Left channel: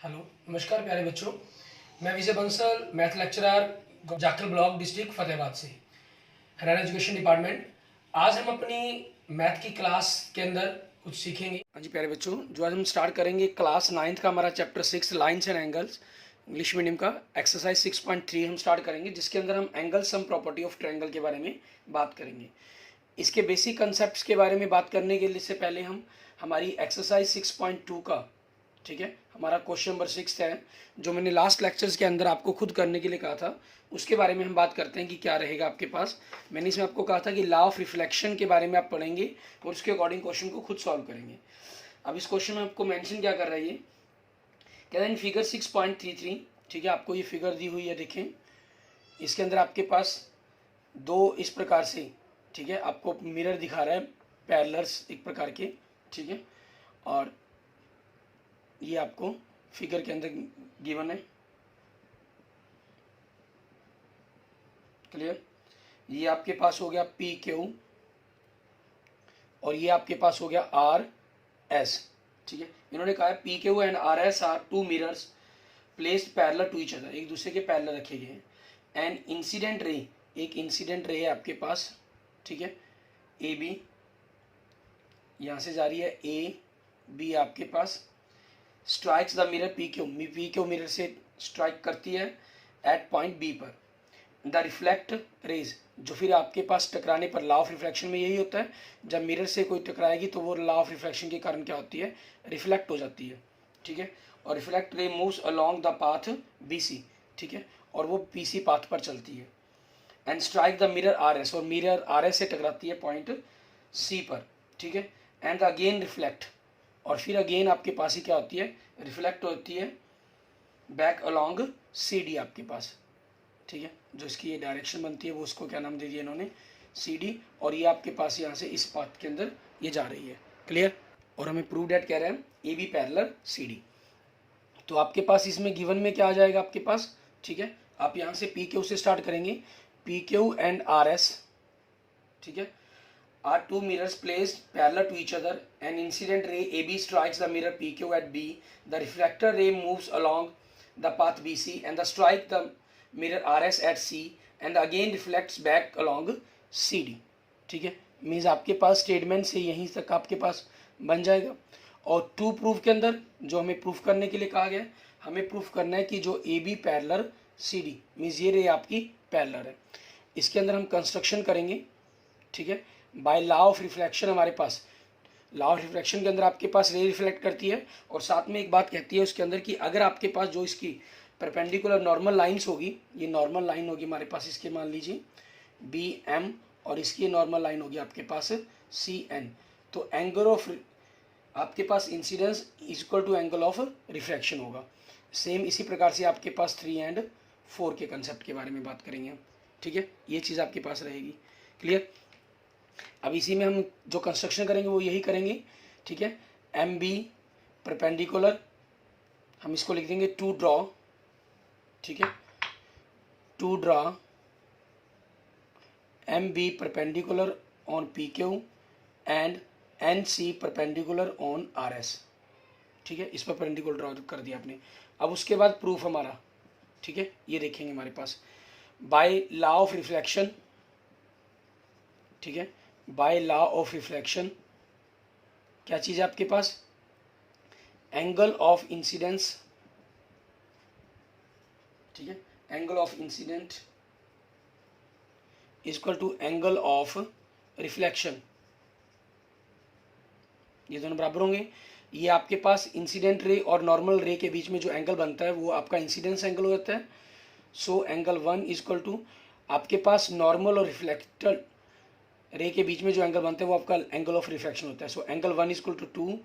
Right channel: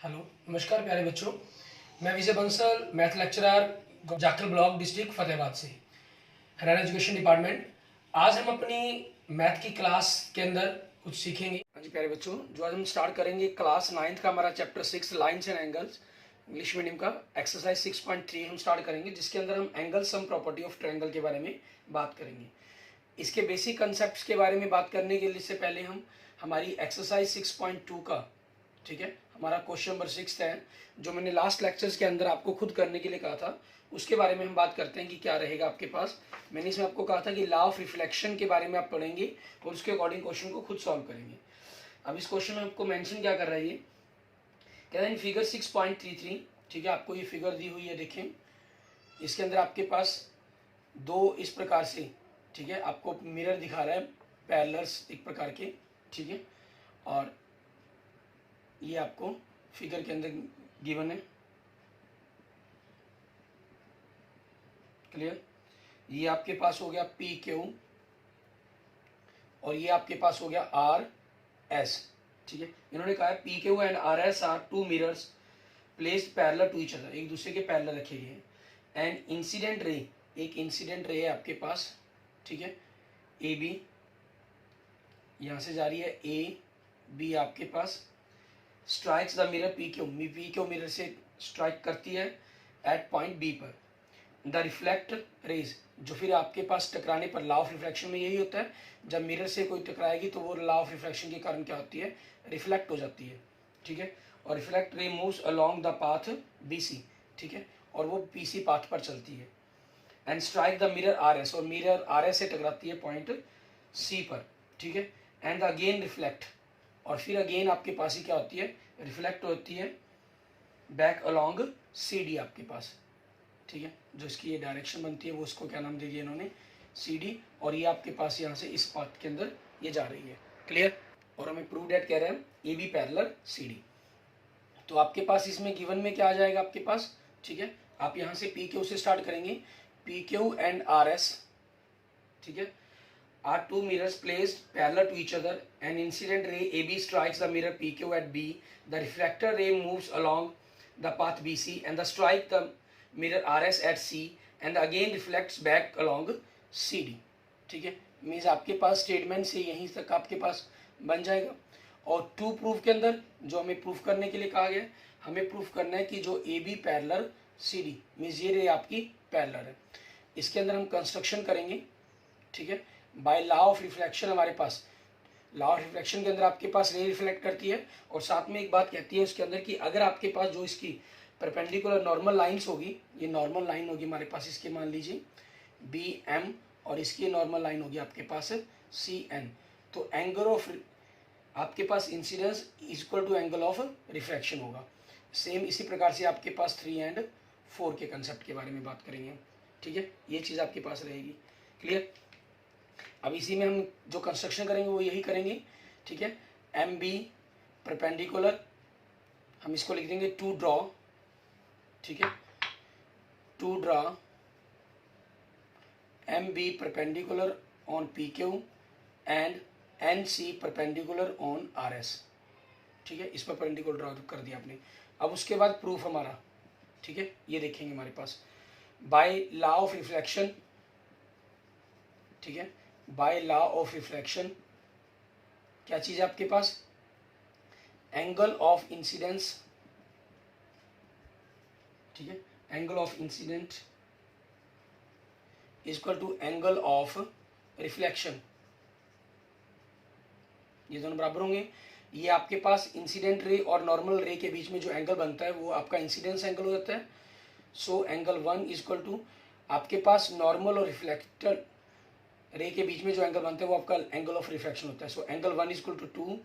Hello, नमस्कार प्यारे बच्चों। मैं Vijay Bansal, math lecturer, Jakhal block, district Fatehabad से, हरियाणा एजुकेशन डिपार्टमेंट। आज हम अपनी मैथ की क्लास के अंदर कुछ सीखेंगे। हाँ जी प्यारे बच्चों, जो आज हम स्टार्ट करेंगे क्लास 9th का हमारा chapter 6 lines and angles, English medium का एक्सरसाइज 6.3 हम स्टार्ट करेंगे, जिसके अंदर हम angle sum property of triangle के बारे में बात करेंगे। इसके बेसिक कंसेप्ट के बारे में बात करने के लिए से पहले हम हमारी एक्सरसाइज 6.2 का, ठीक है, हमारा क्वेश्चन नंबर 6 है, जो मैंने लास्ट लेक्चर्स के अंदर आपको खुद करने के लिए कहा था, उसके बारे में हम बात करते हैं कि क्या रहेगा आपके पास। मैंने इसमें आपको कहा था कि लॉ ऑफ रिफ्लेक्शन के बारे में आप पढ़ेंगे और उसके अकॉर्डिंग क्वेश्चन को खुद सॉल्व करेंगे। अब इस क्वेश्चन में आपको मेंशन क्या कर रही है, कह रहे हैं फिगर 6.33, ठीक है, आपको ये फिगर दी हुई है, देखें। इसके अंदर आपके पास दो इस प्रकार से, ठीक है, आपको मिरर दिखा रहा है, पैरेलल्स एक प्रकार के, ठीक है, और ये आपको फिगर के अंदर गिवन है, क्लियर। ये आपके पास हो गया पी क्यू और ये आपके पास हो गया आर एस, ठीक है। इन्होंने कहा है P Q and R S are two mirrors placed parallel to each other, एक दूसरे के पैरेलल रखे गए हैं। एंड इंसिडेंट रे, एक इंसिडेंट रे है आपके पास, ठीक है, ए बी, यहां से जा रही है ए बी आपके पास, strikes the mirror P Q mirror से स्ट्राइक करती है एट पॉइंट बी पर। द रिफ्लेक्ट रेज, जो फिर आपके पास टकराने पर, लॉ ऑफ रिफ्लेक्शन में यही होता है, जब मिरर से कोई टकराएगी तो वो लॉ ऑफ रिफ्लेक्शन के कारण क्या होती है, रिफ्लेक्ट हो जाती है, ठीक है। और reflect ray moves along the path B C, ठीक है, और वो पी सी पाथ पर चलती है। And strike the mirror R S, और मिरर आर एस से टकराती है पॉइंट सी पर, ठीक है। एंड अगेन रिफ्लेक्ट, और फिर अगेन आपके पास ही क्या होती है, रिफ्लेक्ट होती है बैक अलोंग सी डी आपके पास, ठीक है। जो इसकी ये डायरेक्शन बनती है वो उसको क्या नाम दे दिया इन्होंने, सी डी, और ये आपके पास यहाँ से इस पाथ के अंदर ये जा रही है, क्लियर। और हमें प्रूव डेट कह रहे हैं A B parallel C D. तो आपके पास इसमें गिवन में क्या आ जाएगा आपके पास, ठीक है। आप यहाँ से पी क्यू से स्टार्ट करेंगे, P Q and R S, ठीक है, are two mirrors placed parallel to each other. An incident ray AB strikes the mirror PQ at B. The refractor ray moves along the path BC and the strike the mirror RS at C and again reflects back along CD. ठीक है, means आपके पास statement से यहीं तक आपके पास बन जाएगा। और टू प्रूफ के अंदर जो हमें प्रूफ करने के लिए कहा गया है, हमें प्रूफ करना है कि जो A B parallel C D, means ये रे आपकी पैरेलल है। इसके अंदर हम कंस्ट्रक्शन करेंगे, ठीक है, बाय लॉ ऑफ रिफ्लेक्शन। हमारे पास लॉ ऑफ रिफ्लेक्शन के अंदर आपके पास रे रिफ्लेक्ट करती है, और साथ में एक बात कहती है उसके अंदर कि अगर आपके पास जो इसकी परपेंडिकुलर नॉर्मल लाइंस होगी, ये नॉर्मल लाइन होगी हमारे पास, इसके मान लीजिए बी एम, और इसकी नॉर्मल लाइन होगी आपके पास सी एन, तो एंगल ऑफ आपके पास incidence equal to angle of refraction होगा। सेम इसी प्रकार से आपके पास 3 एंड 4 के कंसेप्ट के बारे में बात करेंगे हम, ठीक है, ये चीज़ आपके पास रहेगी, क्लियर। अब इसी में हम जो कंस्ट्रक्शन करेंगे वो यही करेंगे, ठीक है। एम बी परपेंडिकुलर, हम इसको लिख देंगे टू ड्रॉ, ठीक है, to draw M B perpendicular on P Q and N C perpendicular on R S, ठीक है, इस पर परपेंडिकुलर ड्रॉ कर दिया आपने। अब उसके बाद प्रूफ हमारा, ठीक है, ये देखेंगे हमारे पास बाय लॉ ऑफ रिफ्लेक्शन, ठीक है, बाय लॉ ऑफ रिफ्लेक्शन क्या चीज है आपके पास, एंगल ऑफ इंसिडेंस, ठीक है, angle of incident equal to angle of reflection, ये दोनों बराबर होंगे। ये आपके पास इंसिडेंट रे और नॉर्मल रे के बीच में जो एंगल बनता है वो आपका इंसिडेंस एंगल हो जाता है। सो एंगल 1 इक्वल टू आपके पास नॉर्मल और रिफ्लेक्टेड रे के बीच में जो एंगल बनता है वो आपका एंगल ऑफ रिफ्रैक्शन होता है। So angle 1 equal to 2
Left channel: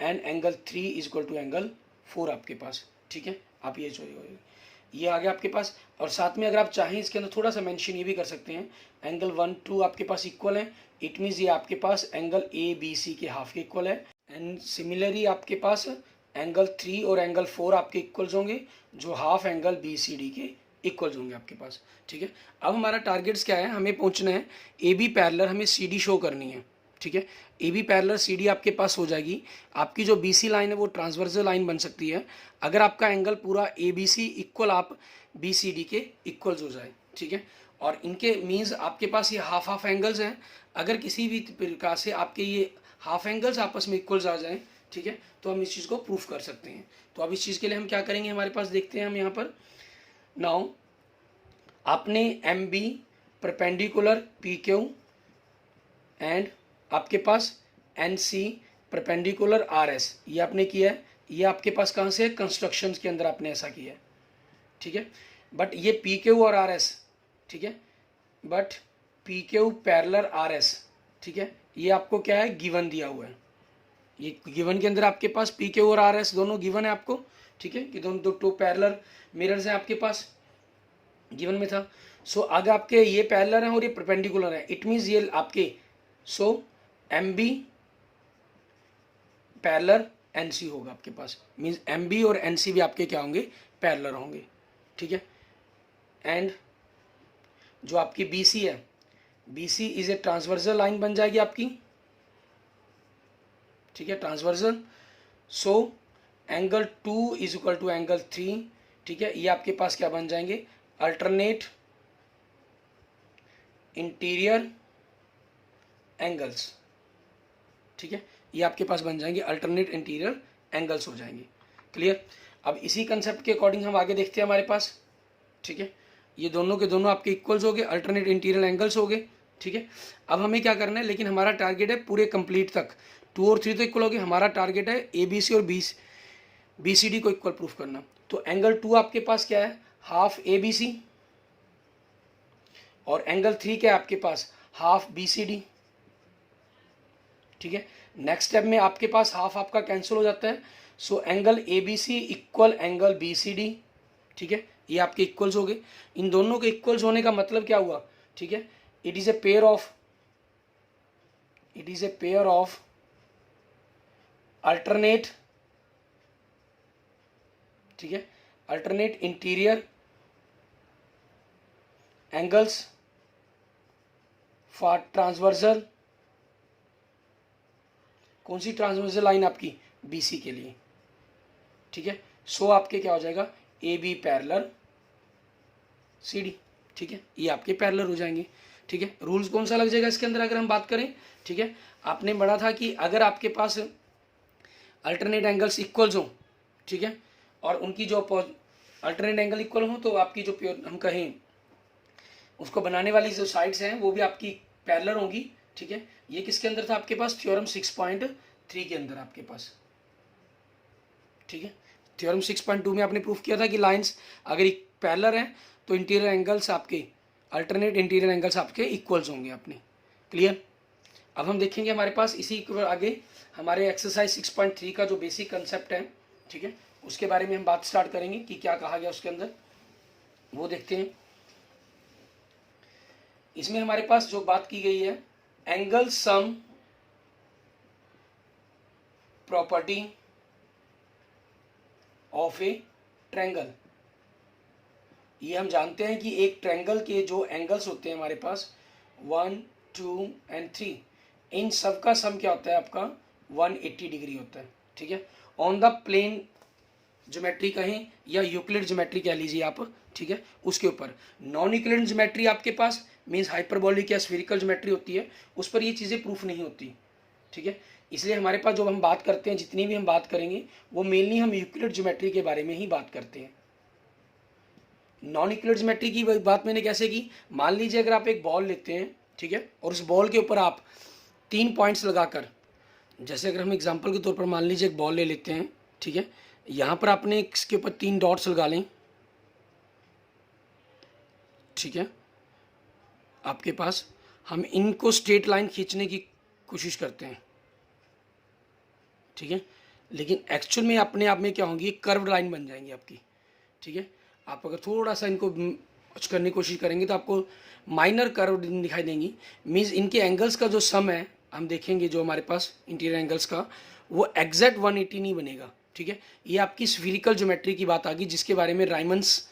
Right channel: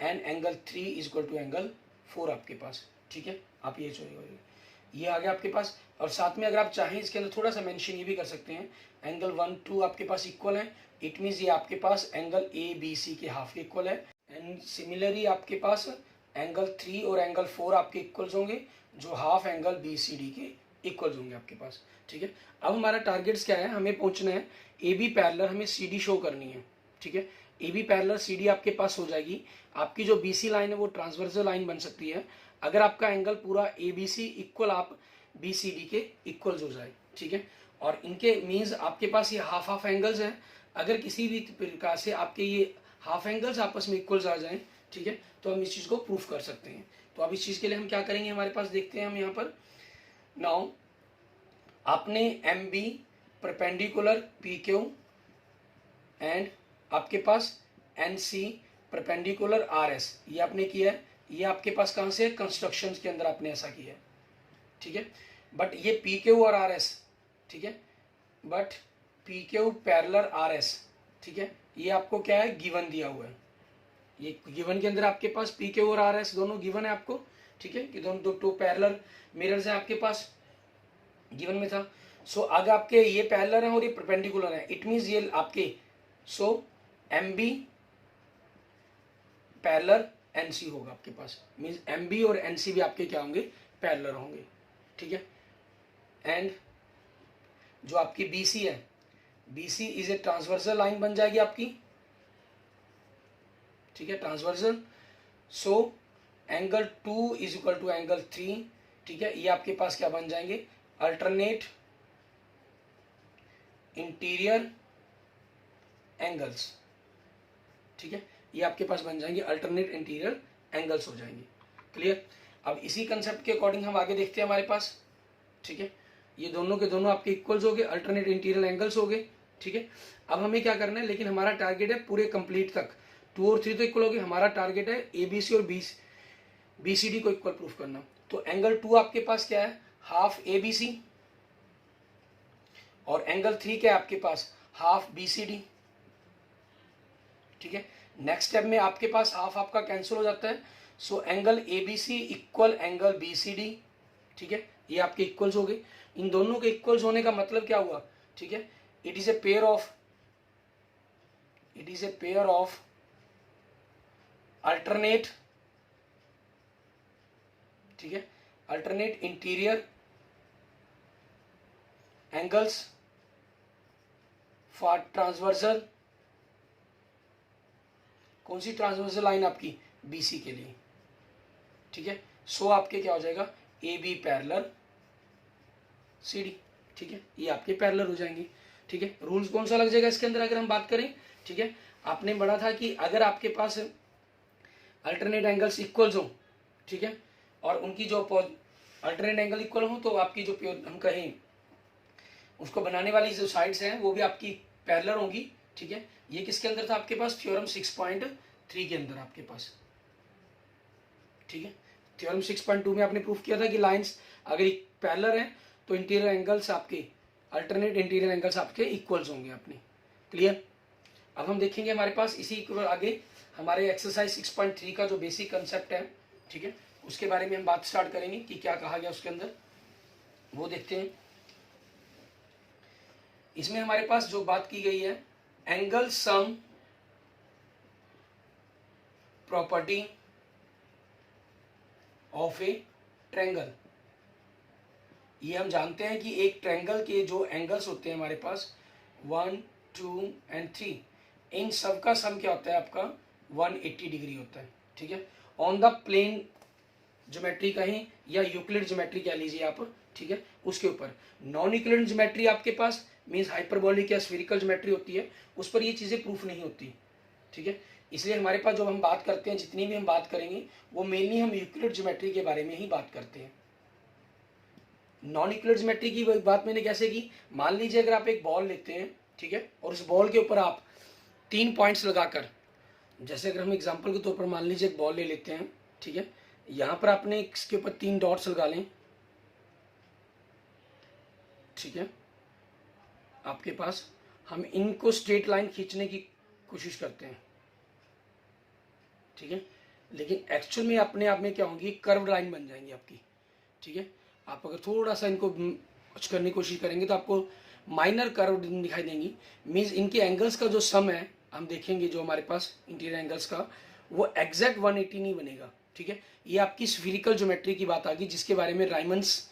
and angle 3 equal to angle 4 आपके पास, ठीक है। आप ये आ गया आपके पास। और साथ में अगर आप चाहें इसके अंदर थोड़ा सा मेंशन ये भी कर सकते हैं, एंगल 1 2 आपके पास इक्वल है, इट मीन्स ये आपके पास एंगल ए बी सी के हाफ के इक्वल है। एंड सिमिलरली आपके पास एंगल 3 और एंगल 4 आपके इक्वल्स होंगे, जो half angle B C D के इक्वल्स होंगे आपके पास, ठीक है। अब हमारा टारगेट्स क्या है, हमें पहुंचना है ए बी पैरेलल, हमें सी डी शो करनी है, ठीक है। A B parallel C D आपके पास हो जाएगी। आपकी जो बी सी लाइन है वो ट्रांसवर्सल लाइन बन सकती है अगर आपका एंगल पूरा ए बी सी इक्वल आप बी सी डी के इक्वल्स हो जाए, ठीक है। और इनके मीन्स आपके पास ये हाफ हाफ एंगल्स हैं। अगर किसी भी प्रकार से आपके ये हाफ एंगल्स आपस में इक्वल्स आ जाएं, ठीक है, तो हम इस चीज़ को प्रूफ कर सकते हैं। तो अब इस चीज़ के लिए हम क्या करेंगे, हमारे पास देखते हैं हम यहाँ पर नाउ आपने M B perpendicular P Q and आपके पास N C perpendicular R S, ये आपने किया है। ये आपके पास कहाँ से है, कंस्ट्रक्शन के अंदर आपने ऐसा किया है, ठीक है। बट ये पी क्यू और आर एस, ठीक है, but P Q parallel are S, ठीक है, ये आपको क्या है, गिवन दिया हुआ है। ये गिवन के अंदर आपके पास पी क्यू और आर एस दोनों गिवन है आपको, ठीक है, कि दोनों टू पैरेलल मिरर्स हैं आपके पास, गिवन में था। सो अगर आपके ये पैरेलल हैं और ये परपेंडिकुलर है, इट मीन्स ये आपके so M B parallel N C होगा आपके पास, मीन्स एम बी और एन सी भी आपके क्या होंगे, पैरेलल होंगे, ठीक है। एंड जो आपकी बी सी है, B C is a transversal line बन जाएगी आपकी, ठीक है, transversal. So angle 2 is equal to angle 3, ठीक है, ये आपके पास क्या बन जाएंगे, अल्टरनेट इंटीरियर एंगल्स, ठीक है, ये आपके पास बन जाएंगे अल्टरनेट इंटीरियर एंगल्स हो जाएंगे। क्लियर। अब इसी कंसेप्ट के अकॉर्डिंग हम आगे देखते हैं हमारे पास, ठीक है, ये दोनों के दोनों आपके इक्वल्स हो गए, अल्टरनेट इंटीरियर एंगल्स हो गए, ठीक है। अब हमें क्या करना है, लेकिन हमारा टारगेट है पूरे कंप्लीट तक 2 और 3 तो इक्वल हो गए, हमारा टारगेट है ए बी सी और बी सी डी को इक्वल प्रूफ करना। तो एंगल 2 आपके पास क्या है, हाफ ए बी सी, और एंगल 3 क्या है आपके पास, हाफ बी सी डी, ठीक है। नेक्स्ट स्टेप में आपके पास हाफ आपका कैंसिल हो जाता है। So angle A B C equal angle B C D, ठीक है, ये आपके इक्वल्स हो गए। इन दोनों के इक्वल्स होने का मतलब क्या हुआ, ठीक है, it is a pair of alternate, ठीक है, alternate interior angles for transversal, कौन सी ट्रांसवर्सल लाइन आपकी, बीसी के लिए, ठीक है। सो आपके क्या हो जाएगा, A B parallel C D, ठीक है, ये आपके पैरेलल हो जाएंगे, ठीक है। रूल्स कौन सा लग जाएगा इसके अंदर अगर हम बात करें, ठीक है, आपने पढ़ा था कि अगर आपके पास अल्टरनेट एंगल्स इक्वल्स हो, ठीक है, और उनकी जो अल्टरनेट एंगल इक्वल हो तो आपकी जो हम कहें उसको बनाने वाली जो साइड्स हैं वो भी आपकी पैरेलल होंगी, ठीक है। ये किसके अंदर था आपके पास, थ्योरम 6.3 के अंदर आपके पास, ठीक है। थ्योरम 6.2 में आपने प्रूफ किया था कि लाइंस अगर पैरेलल हैं तो इंटीरियर एंगल्स आपके, अल्टरनेट इंटीरियर एंगल्स आपके इक्वल्स होंगे अपने। क्लियर। अब हम देखेंगे हमारे पास इसी आगे हमारे एक्सरसाइज 6.3 का जो बेसिक कंसेप्ट है, ठीक है, उसके बारे में हम बात स्टार्ट करेंगे कि क्या कहा गया उसके अंदर, वो देखते हैं। इसमें हमारे पास जो बात की गई है, angle sum property of a triangle. ये हम जानते हैं कि एक ट्रायंगल के जो एंगल्स होते हैं हमारे पास 1, 2 एंड 3, इन सब का सम क्या होता है आपका 180 डिग्री होता है, ठीक है। ऑन द प्लेन ज्योमेट्री कहें या यूक्लिड ज्योमेट्री कह लीजिए आप, ठीक है, उसके ऊपर। नॉन यूक्लिड ज्योमेट्री आपके पास मीन्स हाइपरबोलिक या स्फेरिकल ज्योमेट्री होती है, उस पर ये चीज़ें प्रूफ नहीं होती, ठीक है। इसलिए हमारे पास जो हम बात करते हैं, जितनी भी हम बात करेंगे वो मेनली हम यूक्लिड ज्योमेट्री के बारे में ही बात करते हैं। नॉन यूक्लिड ज्योमेट्री की बात मैंने कैसे की, मान लीजिए अगर आप एक बॉल लेते हैं, ठीक है, और उस बॉल के ऊपर आप 3 पॉइंट्स लगाकर, जैसे अगर हम एग्जांपल के तौर पर मान लीजिए एक बॉल ले लेते हैं, ठीक है, यहाँ पर आपने इसके ऊपर 3 डॉट्स लगा लें, ठीक है, आपके पास हम इनको स्ट्रेट लाइन खींचने की कोशिश करते हैं, ठीक है, लेकिन एक्चुअल में अपने आप में क्या होंगी, कर्व लाइन बन जाएंगी आपकी, ठीक है। आप अगर थोड़ा सा इनको कुछ करने की कोशिश करेंगे तो आपको माइनर कर्व दिखाई देंगी। मीन्स इनके एंगल्स का जो सम है हम देखेंगे जो हमारे पास इंटीरियर एंगल्स का, वो एग्जैक्ट 180 नहीं बनेगा, ठीक है। ये आपकी स्फीरिकल ज्योमेट्री की बात आ गई, जिसके बारे में राइमंड्स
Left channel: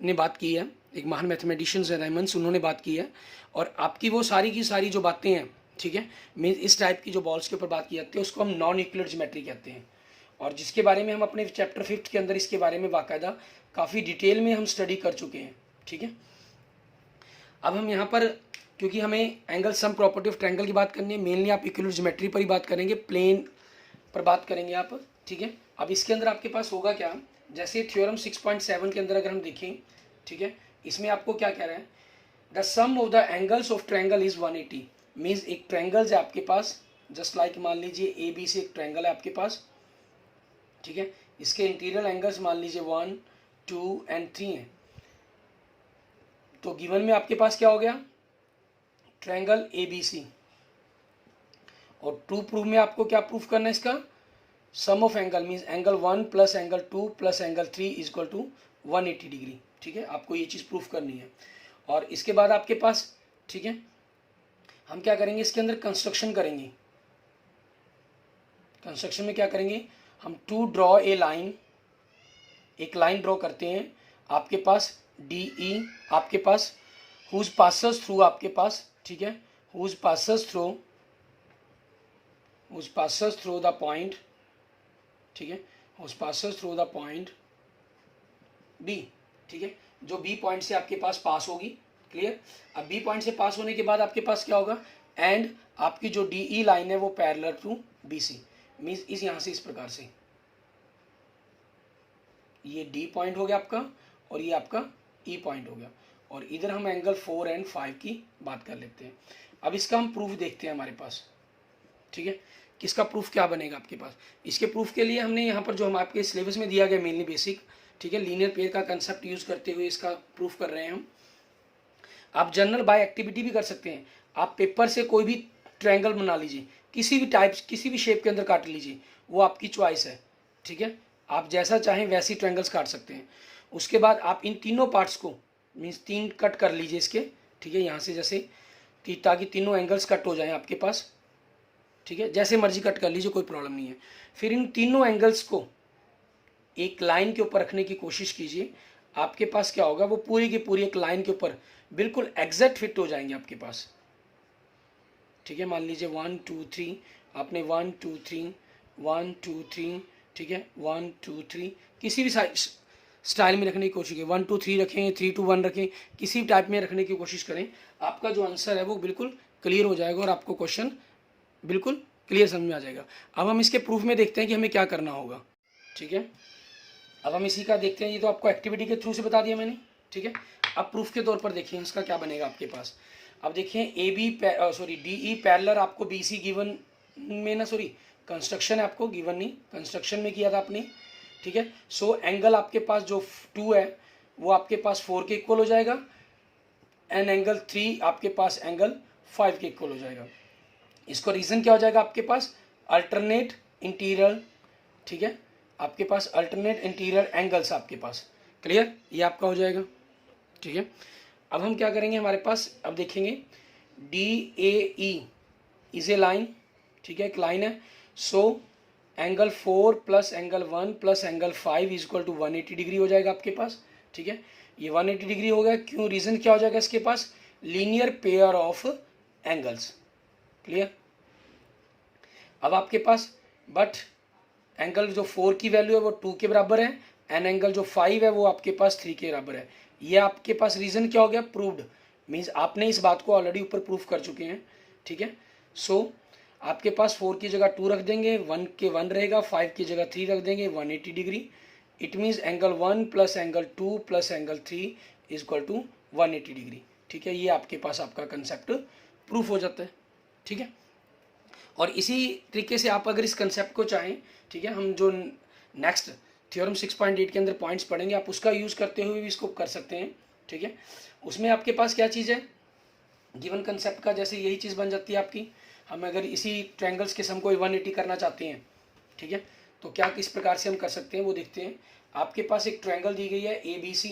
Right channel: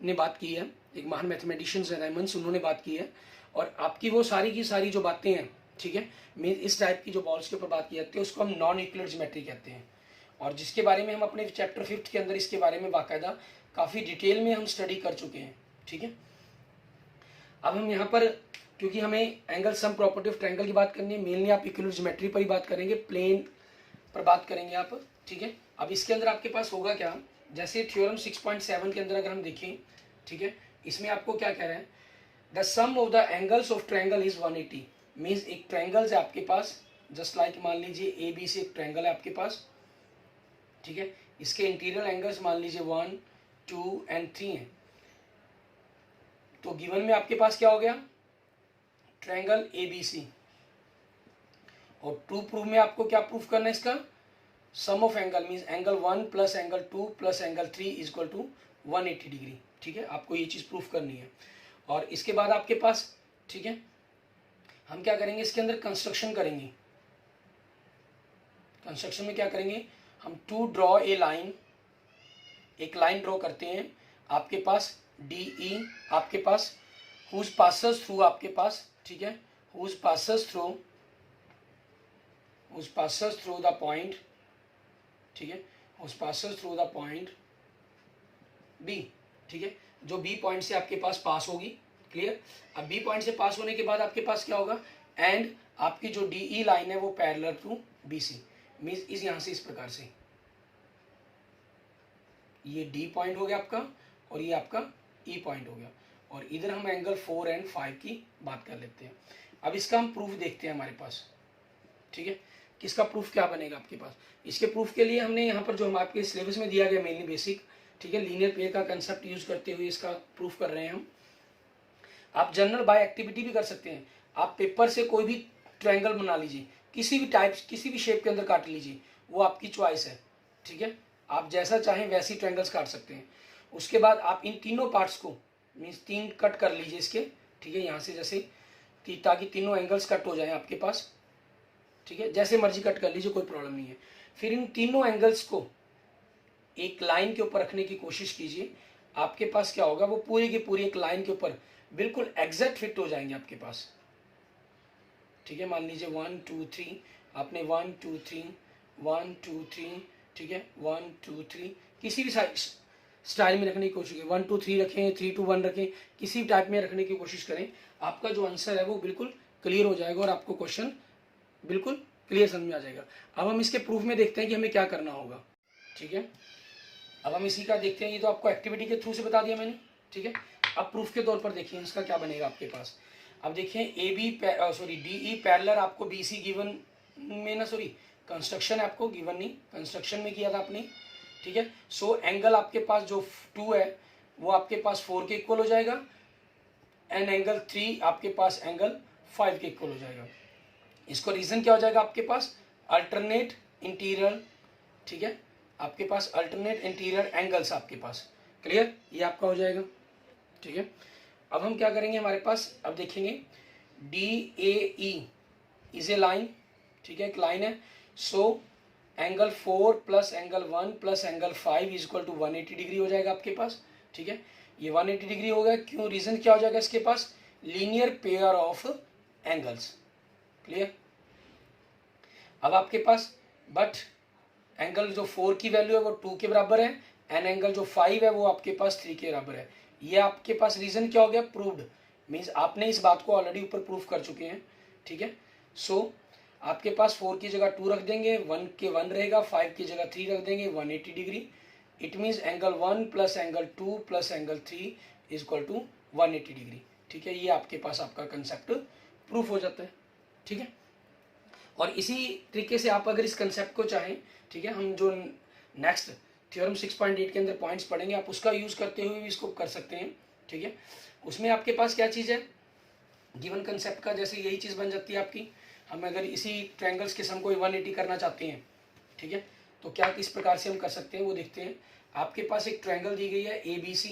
ने बात की है, एक महान मैथमेटिशियंस है राइमंड्स, उन्होंने बात की है। और आपकी वो सारी की सारी जो बातें हैं ठीक है। मीन इस टाइप की जो बॉल्स के ऊपर बात की जाती है उसको हम नॉन यूक्लिड ज्योमेट्री कहते हैं, और जिसके बारे में हम अपने चैप्टर 5 के अंदर इसके बारे में बाकायदा काफ़ी डिटेल में हम स्टडी कर चुके हैं। ठीक है। अब हम यहाँ पर, क्योंकि हमें angle sum property of triangle की बात करनी है, मेनली आप यूक्लिड ज्योमेट्री पर ही बात करेंगे, प्लेन पर बात करेंगे आप। ठीक है। अब इसके अंदर आपके पास होगा क्या, जैसे थ्योरम 6.7 के अंदर अगर हम देखें, ठीक है, इसमें आपको क्या कह रहा है, the sum of the angles of triangle is 180। Means एक ट्रायंगल है आपके पास, जस्ट लाइक मान लीजिए ए बी से एक ट्रायंगल है आपके पास। ठीक है। इसके इंटीरियर एंगल्स मान लीजिए 1, 2 एंड 3 है। तो गिवन में आपके पास क्या हो गया, ट्रायंगल ए बी सी। और ट्रू प्रूफ में आपको क्या प्रूफ करना है, इसका sum of angle means angle 1 plus angle 2 plus angle 3 is equal to 180 degree. ठीक है। आपको ये चीज़ प्रूफ करनी है। और इसके बाद आपके पास, ठीक है, हम क्या करेंगे, इसके अंदर कंस्ट्रक्शन करेंगे। कंस्ट्रक्शन में क्या करेंगे हम, टू ड्रॉ ए लाइन, एक लाइन ड्रॉ करते हैं आपके पास डी ई, आपके पास हुज पासेस थ्रू, आपके पास, ठीक है, whose passes through the point, ठीक है, whose passes through the point B. ठीक है। जो बी पॉइंट से आपके पास पास होगी। क्लियर। अब बी पॉइंट से पास होने के बाद आपके पास क्या होगा, एंड आपकी जो डी ई लाइन है वो parallel to B C. Means इस यहां से इस प्रकार से ये डी पॉइंट हो गया आपका, और ये आपका ई पॉइंट हो गया, और इधर हम एंगल 4 एंड 5 की बात कर लेते हैं। अब इसका हम प्रूफ देखते हैं हमारे पास। ठीक है। किसका प्रूफ क्या बनेगा आपके पास, इसके प्रूफ के लिए हमने यहाँ पर जो हम आपके सिलेबस में दिया गया मेनली बेसिक, ठीक है, लीनियर पेयर का कंसेप्ट यूज करते हुए इसका प्रूफ कर रहे हैं हम। आप जनरल बाय एक्टिविटी भी कर सकते हैं। आप पेपर से कोई भी ट्रायंगल बना लीजिए, किसी भी टाइप, किसी भी शेप के अंदर काट लीजिए, वो आपकी चॉइस है। ठीक है। आप जैसा चाहें वैसी ट्रायंगल्स काट सकते हैं। उसके बाद आप इन तीनों पार्ट्स को मीन्स 3 कट कर लीजिए इसके। ठीक है। यहाँ से जैसे ताकि तीनों एंगल्स कट हो जाए आपके पास। ठीक है। जैसे मर्जी कट कर लीजिए, कोई प्रॉब्लम नहीं है। फिर इन तीनों एंगल्स को एक लाइन के ऊपर रखने की कोशिश कीजिए। आपके पास क्या होगा, वो पूरी की पूरी एक लाइन के ऊपर बिल्कुल एग्जैक्ट फिट हो जाएंगे आपके पास। ठीक है। मान लीजिए 1 2 3, आपने 1 2 3 1 2 3, ठीक है, 1 2 3 किसी भी स्टाइल में रखने की कोशिश करें। 1 2 3 रखें, 3 2 1 रखें, किसी भी टाइप में रखने की कोशिश करें। आपका जो आंसर है वो बिल्कुल क्लियर हो जाएगा और आपको क्वेश्चन बिल्कुल क्लियर समझ में आ जाएगा। अब हम इसके प्रूफ में देखते हैं कि हमें क्या करना होगा। ठीक है। अब हम इसी का देखते हैं। ये तो आपको एक्टिविटी के थ्रू से बता दिया मैंने। ठीक है। अब प्रूफ के तौर पर देखिए इसका क्या बनेगा आपके पास। अब देखिए A B D E parallel आपको बी सी गिवन में ना, सॉरी कंस्ट्रक्शन है आपको गिवन नहीं, कंस्ट्रक्शन में किया था आपने। ठीक है। सो एंगल आपके पास जो 2 है वो आपके पास 4 के इक्वल हो जाएगा, एंड एंगल 3 आपके पास एंगल 5 के इक्वल हो जाएगा। इसको रीजन क्या हो जाएगा आपके पास, अल्टरनेट इंटीरियर। ठीक है। आपके पास अल्टरनेट इंटीरियर एंगल्स आपके पास। क्लियर। ये आपका हो जाएगा। ठीक है। अब हम क्या करेंगे, हमारे पास अब देखेंगे D A E is a line. ठीक है, एक लाइन है। So angle 4 plus angle 1 plus angle 5 is equal to 180 degree हो जाएगा आपके पास। ठीक है। ये 180 डिग्री हो गया। क्यों, रीजन क्या हो जाएगा इसके पास, linear pair of angles. Clear. अब आपके पास बट एंगल जो 4 की वैल्यू है वो 2 के बराबर है, एंड एंगल जो 5 है वो आपके पास 3 के बराबर है। ये आपके पास रीजन क्या हो गया, प्रूव्ड। मीन्स आपने इस बात को ऑलरेडी ऊपर प्रूफ कर चुके हैं। ठीक है। सो आपके पास 4 की जगह 2 रख देंगे, 1 के 1 रहेगा, 5 की जगह 3 रख देंगे, 180 degree. It means angle 1 plus angle 2 plus angle 3 is equal to 180 degree. ठीक है। ये आपके पास आपका कंसेप्ट प्रूफ हो जाता है। ठीक है। और इसी तरीके से आप अगर इस कंसेप्ट को चाहें, ठीक है, हम जो नेक्स्ट थ्योरम 6.8 के अंदर पॉइंट्स पढ़ेंगे आप उसका यूज करते हुए भी इसको कर सकते हैं। ठीक है। उसमें आपके पास क्या चीज़ है, गिवन कंसेप्ट का जैसे यही चीज़ बन जाती है आपकी। हम अगर इसी ट्रायंगल्स के सम को 180 करना चाहते हैं, ठीक है, तो क्या किस प्रकार से हम कर सकते हैं वो देखते हैं। आपके पास एक ट्रायंगल दी गई है ए बी सी।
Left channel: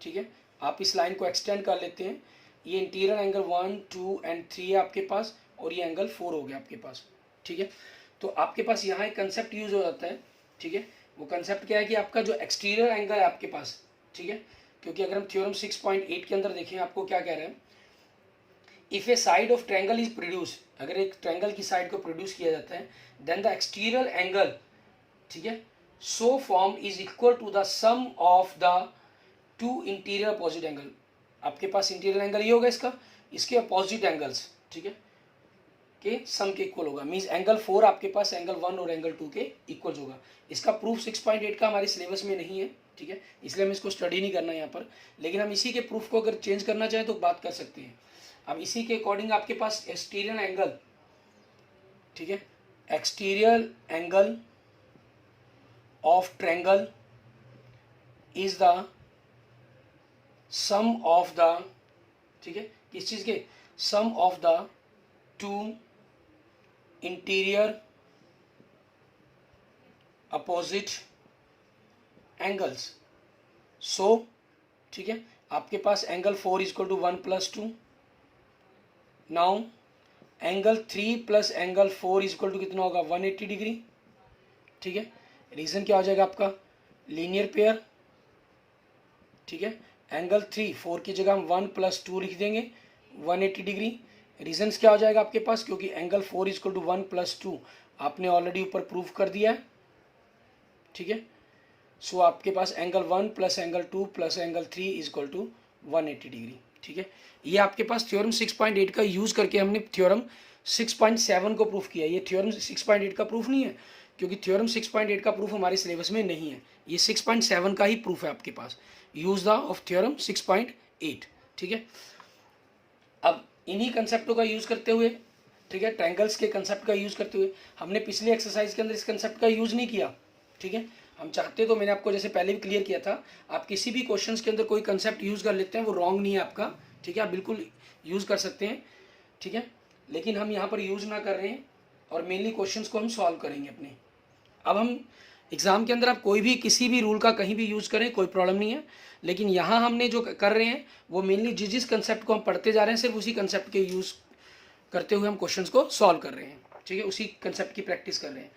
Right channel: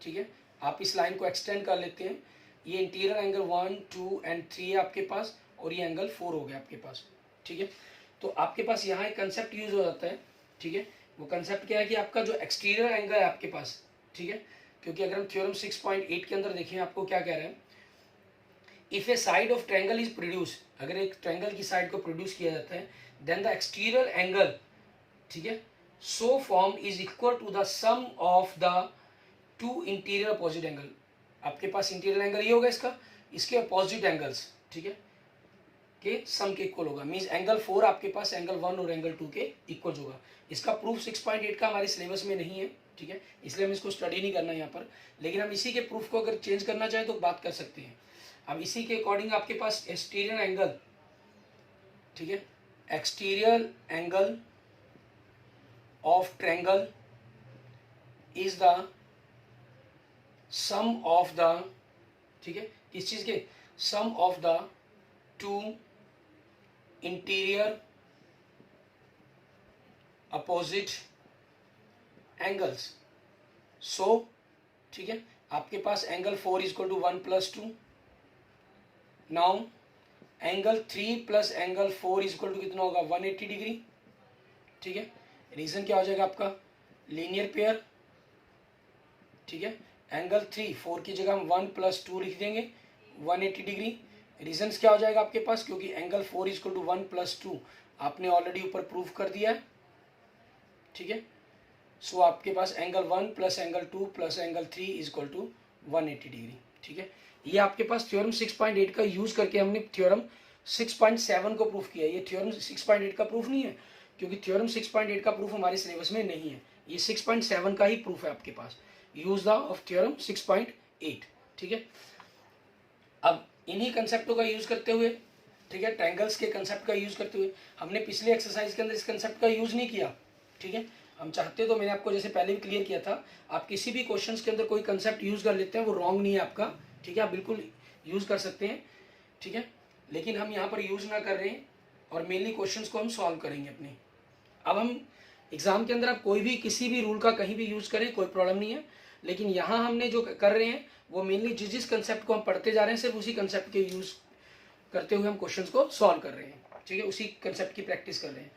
ठीक है। आप इस लाइन को एक्सटेंड कर लेते हैं। ये इंटीरियर एंगल 1 2 एंड 3 है आपके पास, और ये एंगल 4 हो गया आपके पास। ठीक है। तो आपके पास यहाँ एक कंसेप्ट यूज हो जाता है। ठीक है। वो कंसेप्ट क्या है कि आपका जो एक्सटीरियर एंगल है आपके पास, ठीक है, क्योंकि अगर हम थ्योरम 6.8 के अंदर देखें आपको क्या कह रहे हैं, if A side of triangle is produce, अगर एक ट्रायंगल की साइड को प्रोड्यूस किया जाता है, देन द एक्सटीरियर एंगल, ठीक है, so form is equal to the sum of the two interior opposite angle. आपके पास इंटीरियर एंगल ये होगा इसका, इसके अपोजिट एंगल्स, ठीक है, के सम के इक्वल होगा। मींस एंगल 4 आपके पास एंगल 1 और एंगल 2 के इक्वल होगा। इसका प्रूफ 6.8 का हमारे सिलेबस में नहीं है, ठीक है, इसलिए हम इसको स्टडी नहीं करना यहाँ पर, लेकिन हम इसी के प्रूफ को अगर चेंज करना चाहें तो बात कर सकते हैं। अब इसी के अकॉर्डिंग आपके पास एक्सटीरियर एंगल, ठीक है, exterior angle of triangle is the sum of the, ठीक है, किस चीज के, sum of the two interior opposite angles. So, ठीक है, आपके पास angle 4 equal to 1 + 2। Now angle 3 plus angle 4 equal to कितना होगा, 180 डिग्री, ठीक है। रीजन क्या हो जाएगा आपका, लीनियर पेयर, ठीक है। एंगल 3, 4 की जगह हम 1 + 2 लिख देंगे, 180 डिग्री। रीजन्स क्या हो जाएगा आपके पास, क्योंकि एंगल 4 इक्वल टू 1 + 2 आपने ऑलरेडी ऊपर प्रूव कर दिया है, ठीक है। सो आपके पास angle 1 plus angle 2 plus angle 3 equal to 180 degree, ठीक है। ये आपके पास थ्योरम 6.8 का यूज करके हमने थ्योरम 6.7 को प्रूफ किया। ये थ्योरम 6.8 का प्रूफ नहीं है, क्योंकि थ्योरम 6.8 का प्रूफ हमारे सिलेबस में नहीं है। ये 6.7 का ही प्रूफ है आपके पास, यूज द ऑफ थ्योरम 6.8, ठीक है। अब इन्हीं कंसेप्टों का यूज करते हुए, ठीक है, ट्रायंगल्स के कंसेप्ट का यूज करते हुए, हमने पिछले एक्सरसाइज के अंदर इस कंसेप्ट का यूज नहीं किया, ठीक है। हम चाहते तो मैंने आपको जैसे पहले भी क्लियर किया था, आप किसी भी क्वेश्चंस के अंदर कोई कंसेप्ट यूज कर लेते हैं, वो रॉन्ग नहीं है आपका, ठीक है, आप बिल्कुल यूज कर सकते हैं, ठीक है, लेकिन हम यहाँ पर यूज ना कर रहे हैं और मेनली क्वेश्चंस को हम सॉल्व करेंगे अपने। अब हम एग्जाम के अंदर आप कोई भी किसी भी रूल का कहीं भी यूज करें, कोई प्रॉब्लम नहीं है, लेकिन यहाँ हमने जो कर रहे हैं वो मेनली जिस कंसेप्ट को हम पढ़ते जा रहे हैं, सिर्फ उसी कंसेप्ट के यूज करते हुए हम क्वेश्चंस को सॉल्व कर रहे हैं, ठीक है, उसी कंसेप्ट की प्रैक्टिस कर रहे हैं।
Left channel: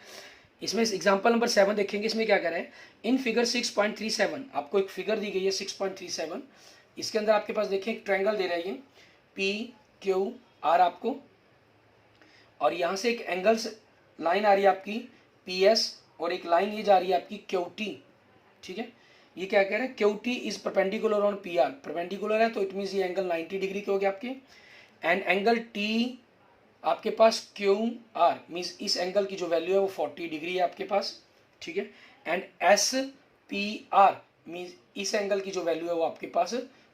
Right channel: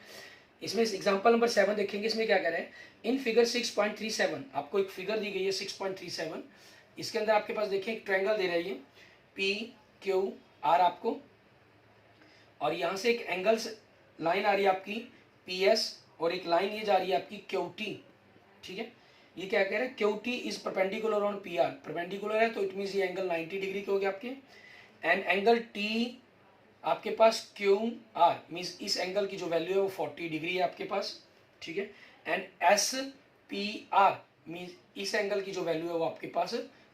इसमें एग्जांपल नंबर 7 देखेंगे, इसमें क्या कह रहे हैं, इन फिगर 6.37 आपको एक फिगर दी गई है 6.37। इसके अंदर आपके पास देखिए एक ट्रायंगल दे रही है PQR आपको, और यहाँ से एक एंगल्स लाइन आ रही है आपकी PS, और एक लाइन ये जा रही है आपकी QT, ठीक है। ये क्या कह रहे हैं, QT is perpendicular on PR, perpendicular है तो इट मीन्स ये एंगल 90 डिग्री के हो गया आपके। एंड एंगल T आपके पास QR मीन्स इस एंगल की जो वैल्यू है वो 40 डिग्री है आपके पास, ठीक है। एंड SPR मीन्स इस एंगल की जो वैल्यू है वो आपके पास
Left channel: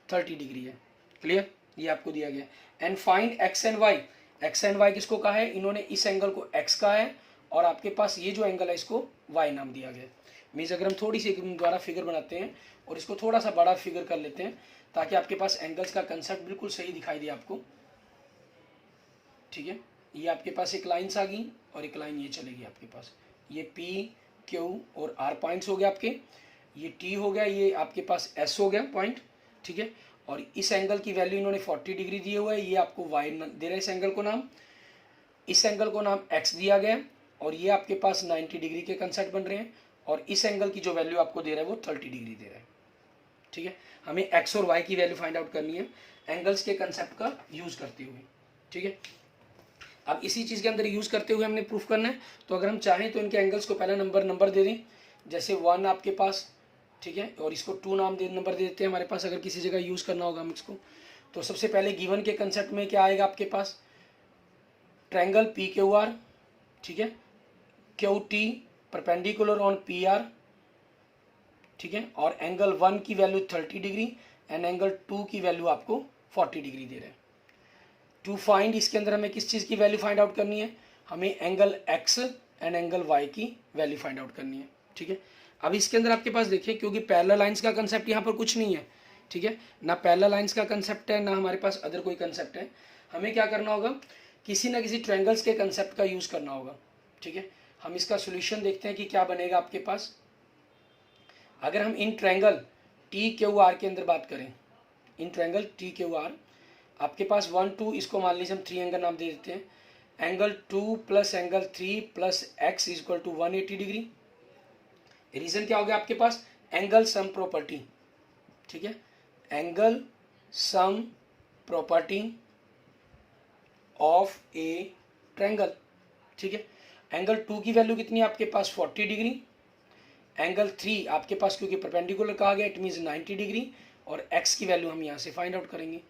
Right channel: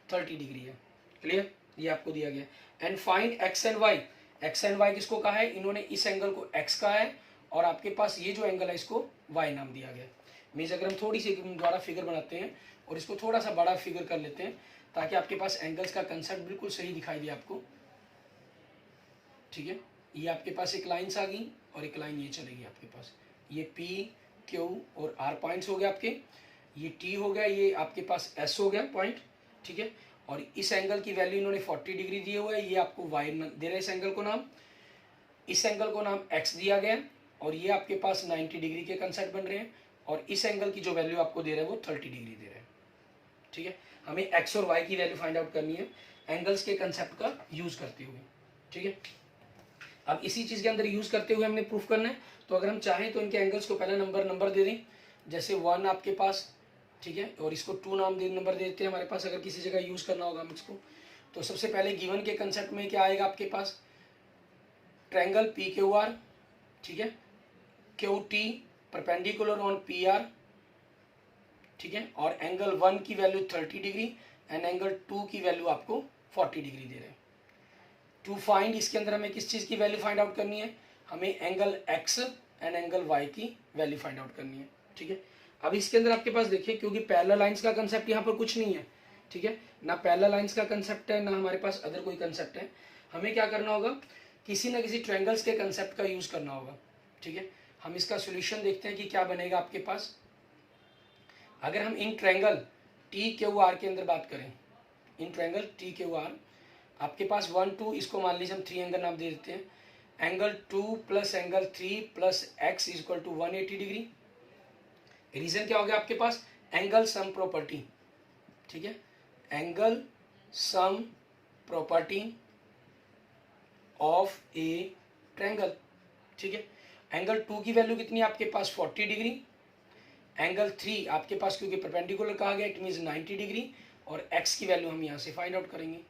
30 डिग्री है। क्लियर, ये आपको दिया गया। And find X and Y, X and Y किसको कहा है, इन्होंने इस एंगल को X कहा है, और आपके पास ये जो एंगल है इसको Y नाम दिया गया। मीन्स अगर हम थोड़ी सी दोबारा फिगर बनाते हैं और इसको थोड़ा सा बड़ा फिगर कर लेते हैं, ताकि आपके पास एंगल्स का कंसेप्ट बिल्कुल सही दिखाई दे आपको, ठीक है। ये आपके पास एक लाइन आ गई और एक लाइन ये चलेगी आपके पास, ये PQ और R पॉइंट्स हो गए आपके, ये T हो गया, ये आपके पास S हो गया पॉइंट, ठीक है। और इस एंगल की वैल्यू इन्होंने 40 डिग्री दिए हुआ है, ये आपको Y दे रहे हैं इस एंगल को नाम, इस एंगल को नाम X दिया गया, और ये आपके पास 90 डिग्री के कंसेप्ट बन रहे हैं, और इस एंगल की जो वैल्यू आपको दे रहा है वो 30 डिग्री दे रहा है, ठीक है। हमें X और Y की वैल्यू फाइंड आउट करनी है एंगल्स के कंसेप्ट का यूज करते हुए, ठीक है। अब इसी चीज के अंदर यूज करते हुए हमने प्रूफ करना है, तो अगर हम चाहें तो इनके एंगल्स को पहला नंबर दे दें, जैसे 1 आपके पास, ठीक है, और इसको 2 नंबर दे देते हैं हमारे पास, अगर किसी जगह यूज करना होगा हम इसको। तो सबसे पहले गिवन के कंसेप्ट में क्या आएगा आपके पास, ट्रायंगल PQR, ठीक है, QT परपेंडिकुलर ऑन PR, ठीक है, और एंगल 1 की वैल्यू 30 डिग्री एंड एंगल 2 की वैल्यू आपको 40 डिग्री दे रहे हैं। टू फाइंड, इसके अंदर हमें किस चीज़ की वैल्यू फाइंड आउट करनी है, हमें angle X and angle Y की वैल्यू फाइंड आउट करनी है, ठीक है। अब इसके अंदर आपके पास देखिए, क्योंकि पैरेलल लाइंस का कंसेप्ट यहाँ पर कुछ नहीं है, ठीक है, ना पैरेलल लाइंस का कंसेप्ट है, ना हमारे पास अदर कोई कंसेप्ट है। हमें क्या करना होगा, किसी ना किसी ट्रायंगल्स के कंसेप्ट का यूज करना होगा, ठीक है। हम इसका सोल्यूशन देखते हैं कि क्या बनेगा आपके पास। अगर हम इन ट्रायंगल TQR के अंदर बात करें, इन ट्रायंगल TQR आपके पास 1 2, इसको मान लीजिए हम 3 एंगल नाम दे देते हैं, angle 2 plus angle 3 plus X equal to 180 degree. Reason क्या हो गया आपके पास, एंगल सम प्रॉपर्टी, ठीक है, angle sum property of a triangle. ठीक है, एंगल 2 की वैल्यू कितनी है आपके पास 40 डिग्री, एंगल 3 आपके पास क्योंकि परपेंडिकुलर कहा गया इट मीन्स 90 डिग्री, और x की वैल्यू हम यहाँ से फाइंड आउट करेंगे।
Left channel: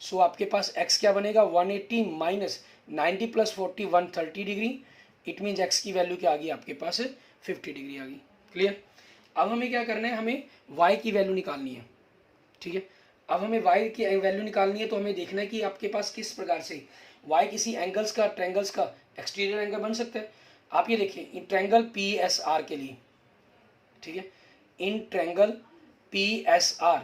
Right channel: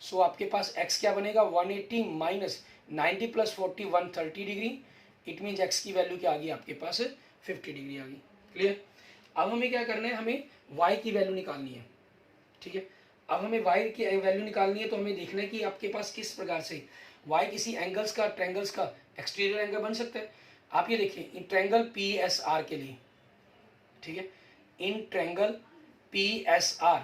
सो आपके पास x क्या बनेगा 180 minus 90 plus 40 130 degree, it means x की वैल्यू क्या आ गई आपके पास 50 डिग्री आ गई। क्लियर। अब हमें क्या करना है, हमें y की वैल्यू निकालनी है। ठीक है, अब हमें y की वैल्यू निकालनी है तो हमें देखना है कि आपके पास किस प्रकार से y किसी एंगल्स का ट्रायंगल्स का एक्सटीरियर एंगल बन सकता है। आप ये देखिए इन ट्रायंगल PSR के लिए, ठीक है, in triangle PSR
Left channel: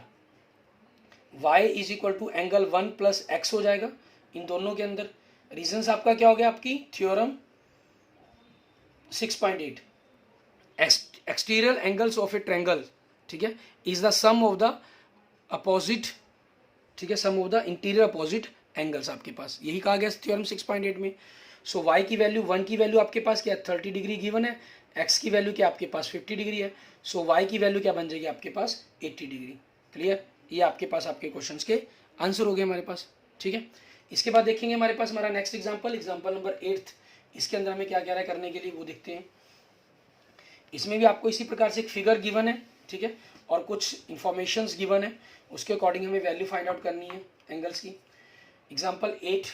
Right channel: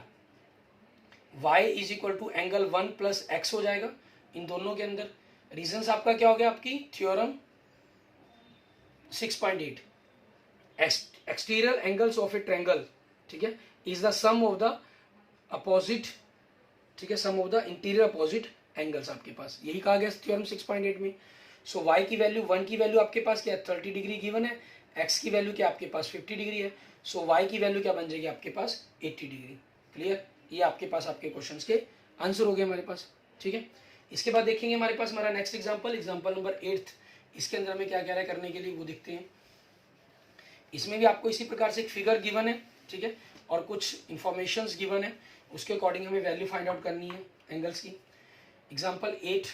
y is equal to angle 1 plus X हो जाएगा इन दोनों के अंदर। रीजंस आपका क्या हो गया, आपकी theorem 6.8 exterior angles of a triangle, ठीक है, is the sum of the opposite, ठीक है, sum of the interior opposite angles आपके पास, यही कहा गया थ्योरम 6.8 में। सो y की वैल्यू 1 की वैल्यू आपके पास क्या 30 डिग्री गिवन है, x की वैल्यू क्या आपके पास 50 डिग्री है, सो y की वैल्यू क्या बन जाएगी आपके पास 80 डिग्री। क्लियर, ये आपके पास आपके क्वेश्चंस के आंसर हो गए हमारे पास। ठीक है, इसके बाद देखेंगे हमारे पास हमारा नेक्स्ट एग्जांपल नंबर 8। इसके अंदर हमें क्या क्या है करने के लिए वो देखते हैं। इसमें भी आपको इसी प्रकार से एक फिगर गिवन है, ठीक है, और कुछ इंफॉर्मेशंस गिवन है, उसके अकॉर्डिंग हमें वैल्यू फाइंड आउट करनी है एंगल्स की। एग्जाम्पल 8,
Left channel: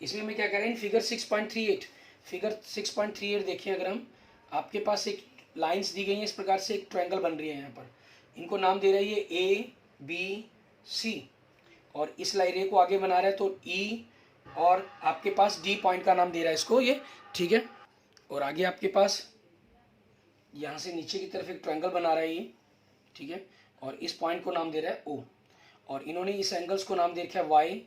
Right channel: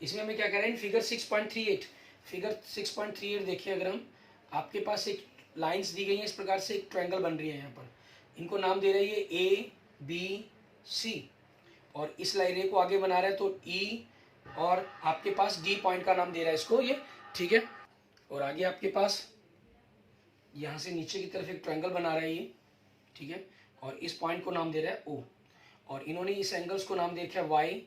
इसमें हमें क्या कह रहे हैं, फिगर 6.38 देखें अगर हम, आपके पास एक लाइंस दी गई हैं इस प्रकार से, एक ट्रायंगल बन रही है यहाँ पर, इनको नाम दे रही है ABC, और इस लाइन को आगे बना रहा है तो E, और आपके पास D पॉइंट का नाम दे रहा है इसको ये, ठीक है, और आगे आपके पास यहाँ से नीचे की तरफ एक ट्रायंगल बना रहा है ये, ठीक है, और इस पॉइंट को नाम दे रहा है O, और इन्होंने इस एंगल्स को नाम दे रखा है Y,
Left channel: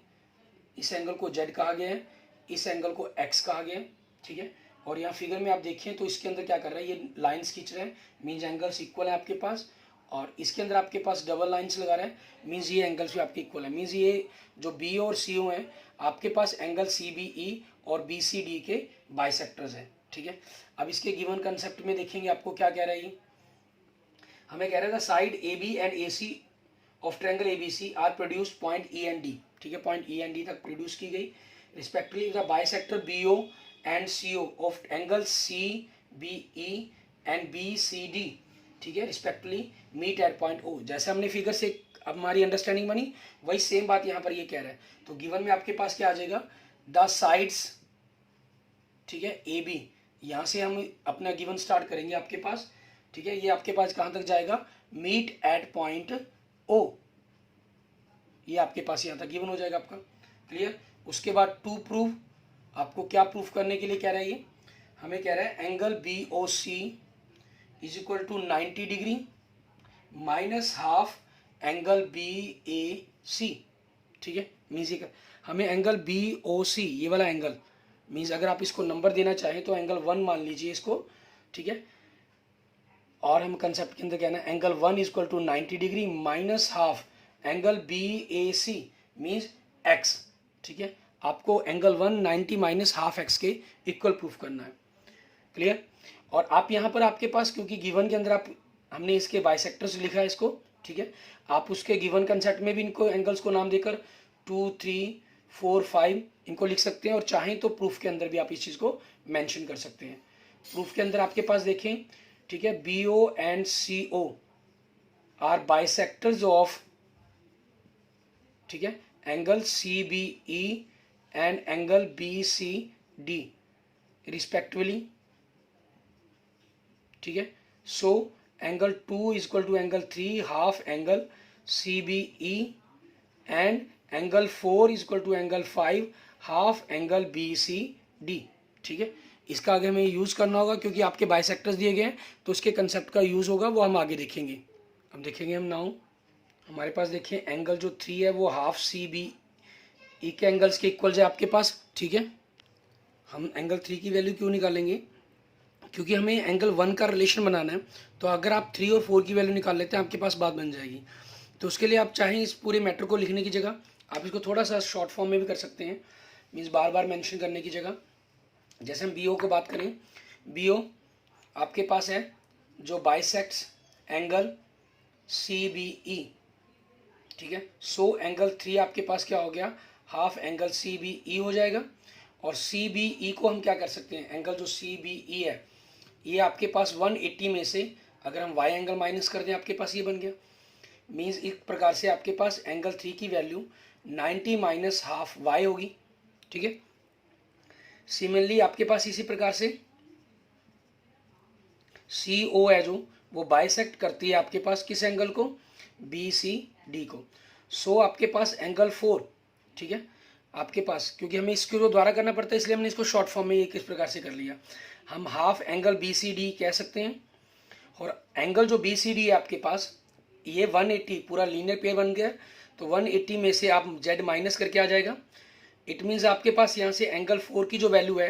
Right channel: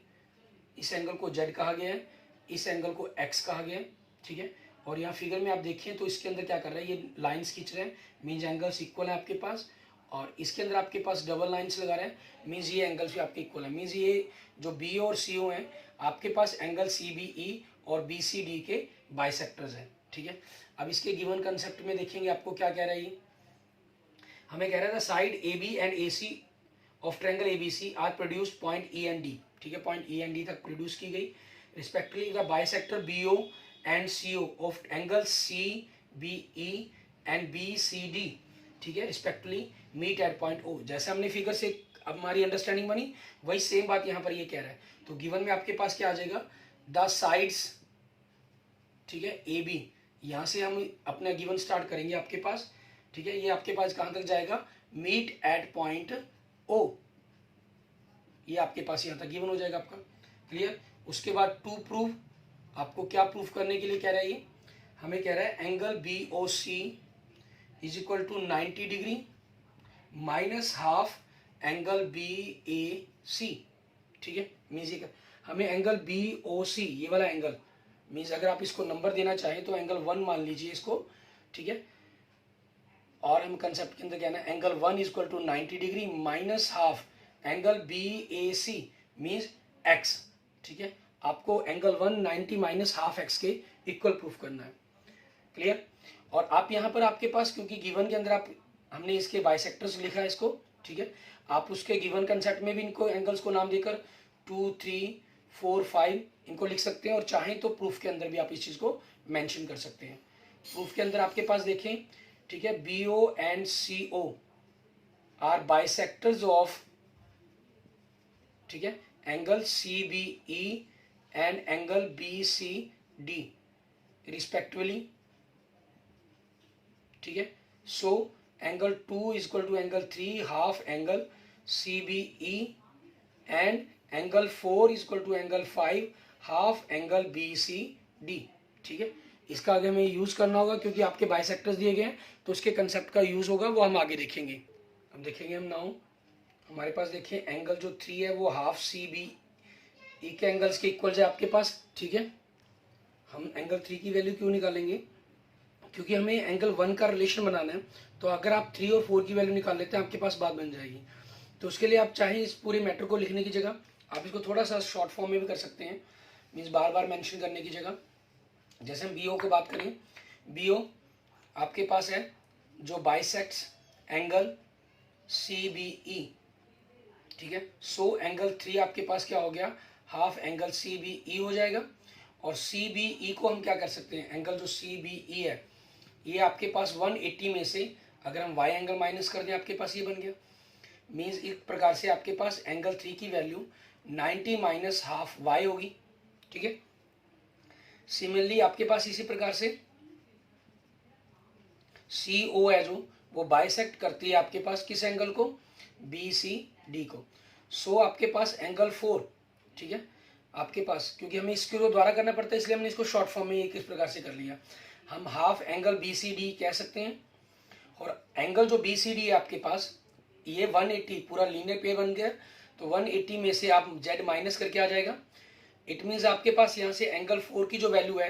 इस एंगल को Z कहा गया है, इस एंगल को X कहा गया है। ठीक है, और यहाँ फिगर में आप देखें तो इसके अंदर क्या कर रहा है, ये लाइंस खींच रहे हैं, मीन्स एंगल्स इक्वल है आपके पास, और इसके अंदर आपके पास डबल लाइंस लगा रहे हैं, मीन्स ये एंगल्स भी आपके इक्वल है, मीन्स ये जो B और CO हैं आपके पास एंगल CBE और BCD के बाइसेक्टर्स हैं। ठीक है, अब इसके गिवन कंसेप्ट में देखेंगे आपको क्या कह रहा है, हमें कह रहा था side AB and AC of triangle ABC are produced point E and D, ठीक है, पॉइंट E एंड D तक प्रोड्यूस की गई, respectively the bisector BO and CO of angle CBE and BCD, ठीक है, respectively meet at point O। जैसे हमने figure से अब हमारी अंडरस्टैंडिंग बनी, वही सेम बात यहाँ पर ये कह रहा है। तो गिवन में आपके पास क्या आ जाएगा, द साइड्स, ठीक है, AB, यहाँ से हम अपना गिवन स्टार्ट करेंगे आपके पास, ठीक है, ये आपके पास कहाँ तक जाएगा, मीट एट पॉइंट O, ये आपके पास यहाँ तक गिवन हो जाएगा आपका। क्लियर, उसके बाद टू प्रूव, आपको क्या प्रूफ करने के लिए कह रहा है ये, हमें कह रहा है angle BOC is equal to 90 degree minus half angle BAC, ठीक है, मीन्स हमें एंगल BOC, ये वाला एंगल, मीन्स अगर आप इसको नंबर देना चाहें तो एंगल 1 मान लीजिए इसको, ठीक है, और हम कंसेप्ट के अंदर कहना है angle 1 is equal to 90 degree minus half angle BAC means x, ठीक है, आपको एंगल 190 माइनस हाफ x के इक्वल प्रूफ करना है। क्लियर, और आप यहाँ पर आपके पास क्योंकि गिवन के अंदर आप हमने इसके बाइसेक्टर्स लिखा है इसको, ठीक है, आप उसके गिवन कंसेप्ट में भी इनको एंगल्स को नाम देकर 2, 3, 4, 5 इनको लिख सकते हैं, और चाहें तो प्रूफ के अंदर भी आप इस चीज़ को मेंशन कर सकते हैं। प्रूफ के अंदर आपके पास देखें, ठीक है, BO and CO are bisectors of, ठीक है, angle CBE and angle BCD respectively, ठीक है, so angle 2 is equal to angle 3 half angle CBE and angle 4 is equal to angle 5 half angle BCD, ठीक है, इसका आगे हमें यूज करना होगा क्योंकि आपके बाइसेक्टर्स दिए गए हैं तो उसके कंसेप्ट का यूज होगा, वो हम आगे देखेंगे। अब देखेंगे हम नाउ, हमारे पास देखिए एंगल जो 3 है वो हाफ CBE के एंगल्स के इक्वल है आपके पास, ठीक है, हम एंगल 3 की वैल्यू क्यों निकालेंगे, क्योंकि हमें एंगल 1 का रिलेशन बनाना है, तो अगर आप 3 और 4 की वैल्यू निकाल लेते हैं आपके पास बात बन जाएगी। तो उसके लिए आप चाहें इस पूरे मैटर को लिखने की जगह आप इसको थोड़ा सा शॉर्ट फॉर्म में भी कर सकते हैं, मीन्स बार बार मेंशन करने की जगह। जैसे हम BO को बात करें, BO आपके पास है जो बाइसेक्ट्स एंगल CBE, ठीक है, सो एंगल 3 आपके पास क्या हो गया, half angle C B E हो जाएगा। और सी बी ई को हम क्या कर सकते हैं, एंगल जो सी बी ई है ये आपके पास 180 में से अगर हम वाई एंगल माइनस कर दें आपके पास ये बन गया। मीन्स एक प्रकार से आपके पास एंगल 3 की वैल्यू 90 माइनस हाफ वाई होगी। ठीक है, सिमिलरली आपके पास इसी प्रकार से सी ओ है जो वो बाइसेक्ट करती है आपके पास किस एंगल को, बी सी डी को। सो आपके पास एंगल 4, ठीक है, आपके पास क्योंकि हमें इसको दोबारा करना पड़ता है इसलिए हमने इसको शॉर्ट फॉर्म में एक इस प्रकार से कर लिया। हम half angle B C D कह सकते हैं। और एंगल जो बी सी डी है आपके पास ये 180 पूरा लीनियर पेयर बन गया। तो 180 में से आप जेड माइनस करके आ जाएगा। इट मीन्स आपके पास यहाँ से एंगल 4 की जो वैल्यू है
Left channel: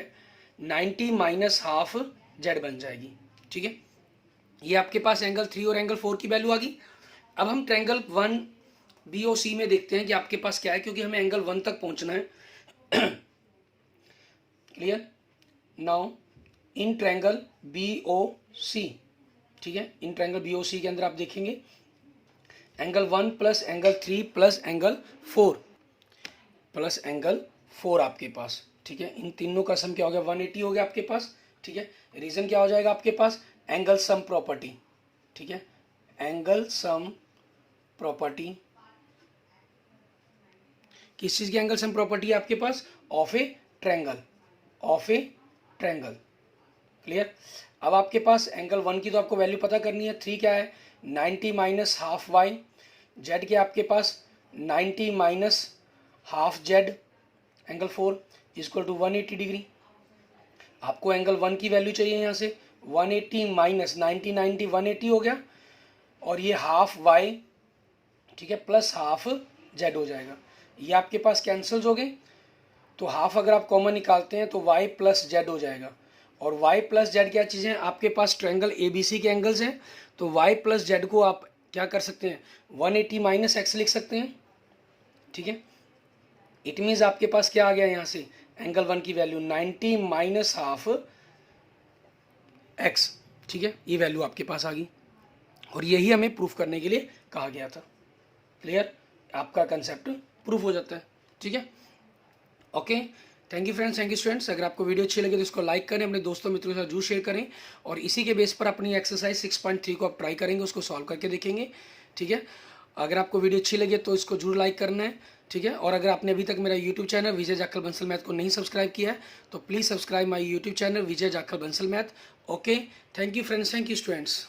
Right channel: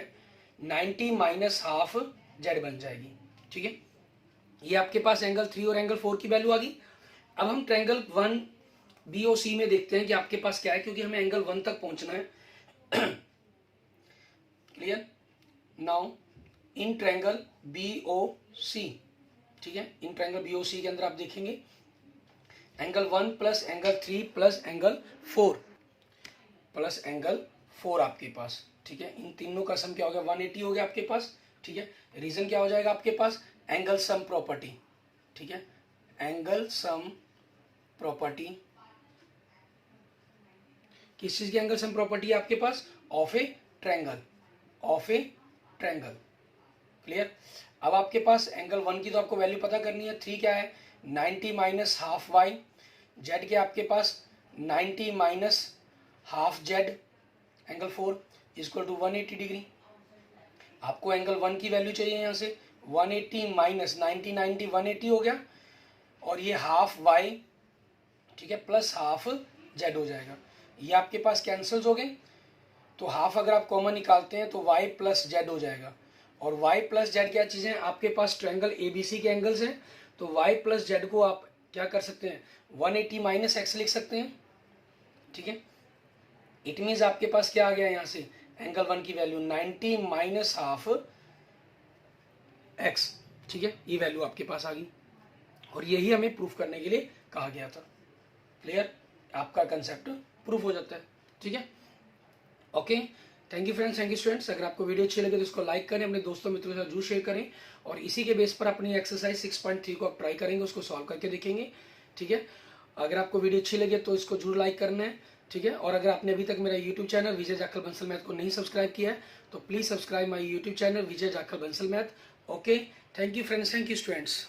90 माइनस हाफ जेड बन जाएगी। ठीक है, ये आपके पास एंगल 3 और एंगल 4 की वैल्यू आ गई। अब हम ट्रायंगल 1 बी ओ सी में देखते हैं कि आपके पास क्या है, क्योंकि हमें एंगल 1 तक पहुंचना है। Clear. Now in triangle B O C, ठीक है, इन ट्रायंगल बी ओ सी के अंदर आप देखेंगे angle 1 plus angle 3 plus angle 4 plus angle 4 आपके पास। ठीक है, इन तीनों का सम क्या हो गया, 180 हो गया आपके पास। ठीक है, रीजन क्या हो जाएगा आपके पास, एंगल सम प्रॉपर्टी। ठीक है, एंगल सम प्रॉपर्टी किस चीज की एंगल सम प्रॉपर्टी है आपके पास, of a triangle, of a triangle. Clear. अब आपके पास एंगल 1 की तो आपको वैल्यू पता करनी है, 3 क्या है 90 माइनस हाफ वाई, जेड के आपके पास 90 minus half Z, angle 4 equal to 180 degree. आपको एंगल 1 की वैल्यू चाहिए यहाँ से 180 माइनस 90 90 180 हो गया, और ये हाफ वाई, ठीक है, प्लस हाफ जेड हो जाएगा। ये आपके पास कैंसल्स हो गए, तो हाफ अगर आप कॉमन निकालते हैं तो वाई प्लस जेड हो जाएगा। और वाई प्लस जेड क्या चीज़ है, आपके पास ट्रायंगल ए बी सी के एंगल्स हैं, तो वाई प्लस जेड को आप क्या कर सकते हैं 180 माइनस एक्स लिख सकते हैं। ठीक है, इट मीन्स आपके पास क्या आ गया यहाँ से, एंगल 1 की वैल्यू 90 माइनस हाफ एक्स। ठीक है, ये वैल्यू आपके पास आ गई, और यही हमें प्रूफ करने के लिए कहा गया था। क्लियर, आपका कंसेप्ट प्रूफ हो जाता है। ठीक है, okay, thank you friends, thank you students. अगर आपको वीडियो अच्छी लगे तो इसको लाइक करें, अपने दोस्तों मित्रों के साथ जरूर शेयर करें, और इसी के बेस पर अपनी एक्सरसाइज 6.3 को आप ट्राई करेंगे, उसको सॉल्व करके देखेंगे। ठीक है, अगर आपको वीडियो अच्छी लगे तो इसको जरूर लाइक करना है। ठीक है, और अगर आपने अभी तक मेरा यूट्यूब चैनल विजय जाखल बंसल मैथ को नहीं सब्सक्राइब किया है तो please subscribe my YouTube channel Vijay Jakhal Bansal math. Okay, thank you friends, thank you students.